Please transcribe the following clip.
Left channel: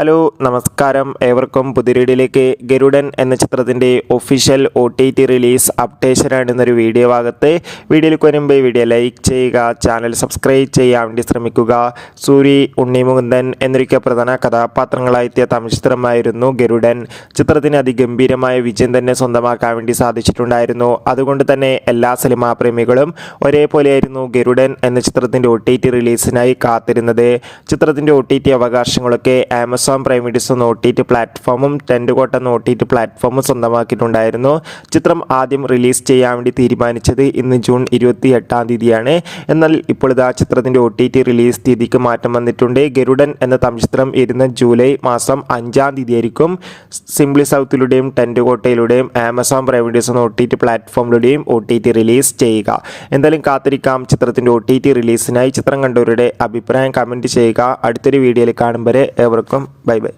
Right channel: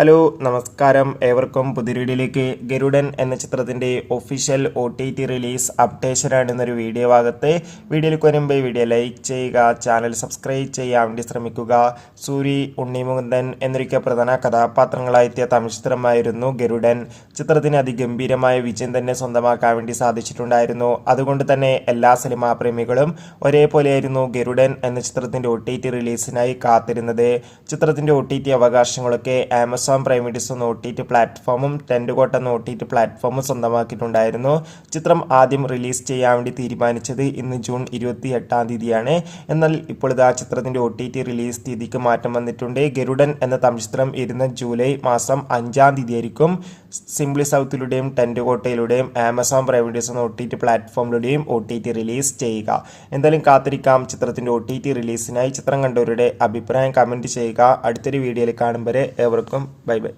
Hello നമസ്കാരം, ഏവർക്കും പുതിയ ഗരുഡൻ എന്ന ചിത്രത്തിൻ്റെ ഒഫീഷ്യൽ OTT റിലീസ് അപ്ഡേഷനാണ് എന്നൊരു വീഡിയോ ഭാഗത്ത്. വീഡിയോയിലേക്ക് വരുമ്പോൾ വീഡിയോ ലൈക്ക് ചെയ്യുക, ചാനൽ സബ്സ്ക്രൈബ് ചെയ്യാൻ വേണ്ടി ശ്രമിക്കുക. സൂരി, ഉണ്ണിമുകുന്ദൻ എന്നൊക്കെ പ്രധാന കഥാപാത്രങ്ങളായെത്തിയ തമിഴ് ചിത്രമായിരുന്നു ഗരുഡൻ. ചിത്രത്തിന് അതിഗംഭീരമായ വിജയം തന്നെ സ്വന്തമാക്കാൻ വേണ്ടി സാധിച്ചിട്ടുണ്ടായിരുന്നു. അതുകൊണ്ട് തന്നെ എല്ലാ സിനിമാ പ്രേമികളും ഒരേപോലെയായിരുന്നു ഗരുഡൻ എന്ന ചിത്രത്തിൻ്റെ OTT റിലീസിനായി കാത്തിരുന്നത്. ചിത്രത്തിൻ്റെ OTT അവകാശങ്ങളൊക്കെ ആമസോൺ പ്രൈം വീഡിയോസ് എന്ന OTT പ്ലാറ്റ്ഫോമും ടെൻറ്റ് കോട്ട് എന്ന OTT പ്ലാറ്റ്ഫോമും സ്വന്തമാക്കിയിട്ടുണ്ടായിരുന്നു. ചിത്രം ആദ്യം റിലീസ് ചെയ്യാൻ വേണ്ടി തീരുമാനിച്ചത് ഇന്ന് ജൂൺ 28-ാം തീയതിയാണ്. എന്നാൽ ഇപ്പോൾ ഇതാ ചിത്രത്തിൻ്റെ OTT റിലീസ് തീയതിക്ക് മാറ്റം വന്നിട്ടുണ്ട്. ഗരുഡൻ എന്ന തമിഴ് ചിത്രം ഇരുന്ന ജൂലൈ മാസം 5-ാം തീയതി ആയിരിക്കും സിംപ്ലി സൗത്തിലൂടെയും ടെൻറ്റ് കോട്ടയിലൂടെയും ആമസോൺ പ്രൈം വീഡിയോസ് എന്ന OTT പ്ലാറ്റ്ഫോമിലൂടെയും OTT റിലീസ് ചെയ്യുക. എന്തായാലും കാത്തിരിക്കാം ചിത്രത്തിൻ്റെ OTT റിലീസിനായി. ചിത്രം കണ്ടവരുടെ അഭിപ്രായം കമൻറ്റ് ചെയ്യുക. അടുത്തൊരു വീഡിയോയിൽ കാണും വരെ ഏവർക്കും ബൈ ബൈ.